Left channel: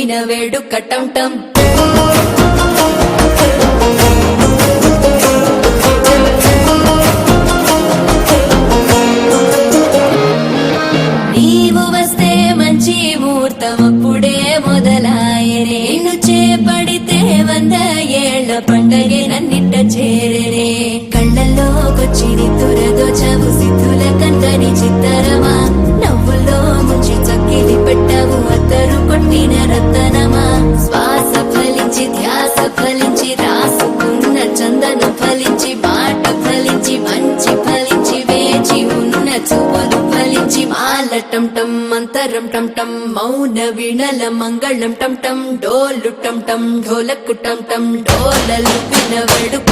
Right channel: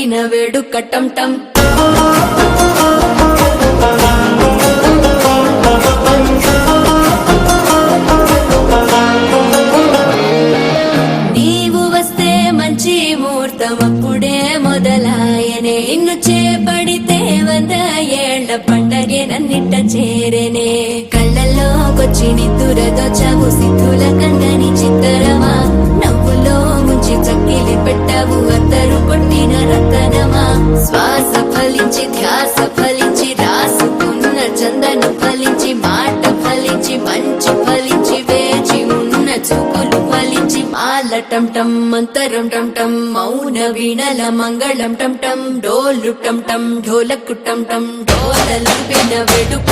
విన వేడుక టం టం నీవు వస్తే మంచి ముహూర్తం అప్పుడే మొదలాయనే నిన్ను చేపడితే 100 ఏళ్ల పండగే నన్నిట్ట చేరనే కళ్ళలోకొచ్చి నిద్దురదోచావు సిద్ధుల కందని చిత్తరమా నవ్వులో ముంచి చక్కిలి పెట్టావు అద్దరు కొట్టిన రతనమా శ్వాస ఫలించి ధ్యాస ఫలించి రాసుకున్న చందన ఫలించి మాట ఫలించి మంచి ఫలించి వేచి ఉన్న చూపులు ఫలించి మాల టం టం మంతరం టం టం మౌన వీణల మంగళం టం టం డోలు టం టం ఢోలకు టం టం డోలలు విన వేడుక